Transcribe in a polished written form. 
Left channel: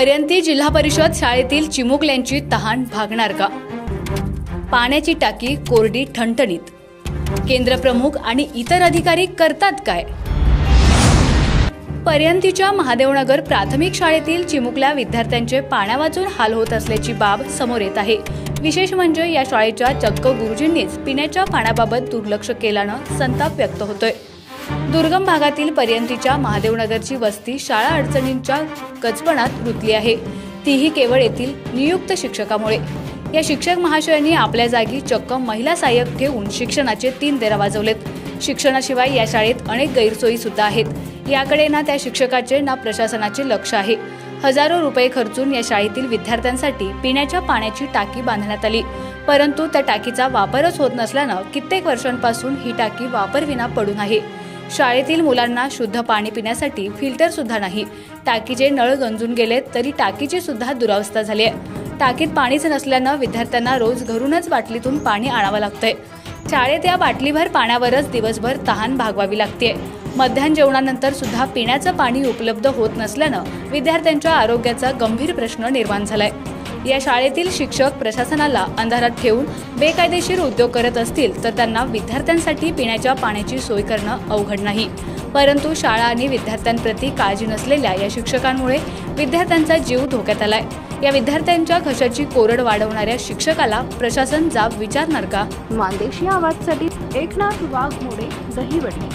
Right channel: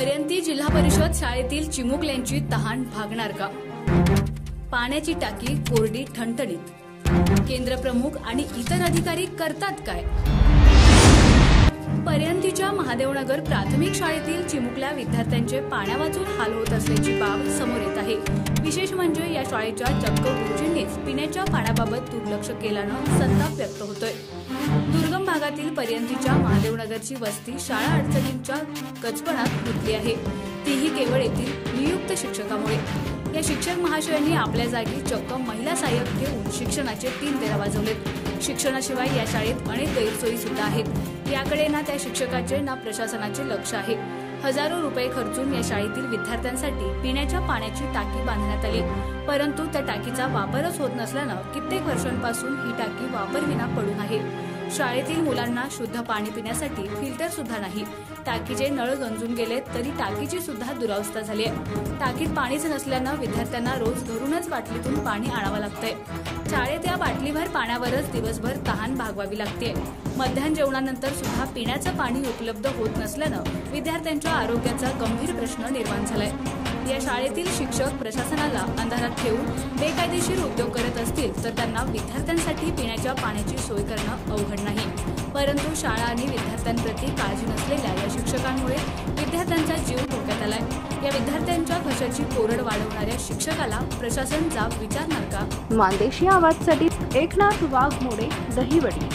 पर्यंती जिल्हा परिषद शाळेतील चिमुकल्यांची तहान भागणार का? पाण्याची टाकी कोरडी ठणठणीत. केंद्रप्रमुख आणि इतर अधिकारी करतात काय? पर्यंतीच्या महादेवनगर प्राथमिक शाळेतील चिमुकल्या विद्यार्थ्यांचे पाण्यावाचून हाल होत असल्याची बाब समोर येत आहे. विशेष म्हणजे या शाळेच्या चक्क गुरुजींनीच पिण्याच्या पाण्याबाबत दुर्लक्ष केल्यानं संताप व्यक्त होतोय. दुर्गम भागातील पर्यंतीच्या महादेवनगरची वस्ती शाळा अडचणींच्या कचपणात रुतली आहे, तीही केवळ येथील नियुक्त शिक्षकामुळे. या शिक्षक महाशयांनी आपल्या जागी चक्क महिला सहाय्यक ठेवून शिक्षणाचे 3 देरा वाजवलेत. शिक्षणाशिवाय या शाळेत अनेक गैरसोयी सुद्धा आहेत. याकडे ना त्या शिक्षकाचे ना प्रशासनाचे लक्ष आहे. हजारो रुपये खर्चून या शाळेतील विद्यार्थ्यांसाठी पिण्याच्या पाण्याची टाकी बांधण्यात आली, परंतु त्या टाकीचा वापरच होत नसल्यानं कित्येक वर्षांपासून ही टाकी वापरविना पडून आहे. शाळेतील मुलांना शुद्ध पाणी पिण्यासाठी फिल्टर सुद्धा नाही. टाकीचे नळ गंजून गेलेत तरी टाकीची सुद्धा दुरावस्था झाली आहे. टाकीत पाणीच नसल्यानं विद्यार्थ्यांना रोज घरूनच बाटलीतून पाणी आणावं लागतंय. शाळेत या बाटलीभर पाण्यावरच दिवसभर तहान भागवावी लागतेय. मध्याह्न जेवणानंतर सुद्धा पिण्याचं पाणी उपलब्ध होत नसल्यानं विद्यार्थ्यांच्या आरोग्याचा गंभीर प्रश्न निर्माण झालाय. या शाळेतील शिक्षक प्रशासनाला अंधारात ठेवून बेकायदेशीर उद्योग करत असतील तर त्यांना विद्यार्थ्यांसाठी पिण्याच्या पाण्याची सोय करणं अवघड नाही. परंतु शाळा आणि विद्यार्थ्यांप्रती काळजी नसलेल्या या शिक्षकांमुळे विद्यार्थ्यांचा जीव धोक्यात आलाय. या विद्यार्थ्यांच्या घशाची कोरड वाढवणाऱ्या शिक्षकाला प्रशासन जाब विचारणार का? मानदेशी आवाजसाठी एकनाथ वाघमोडे, दहिवडी.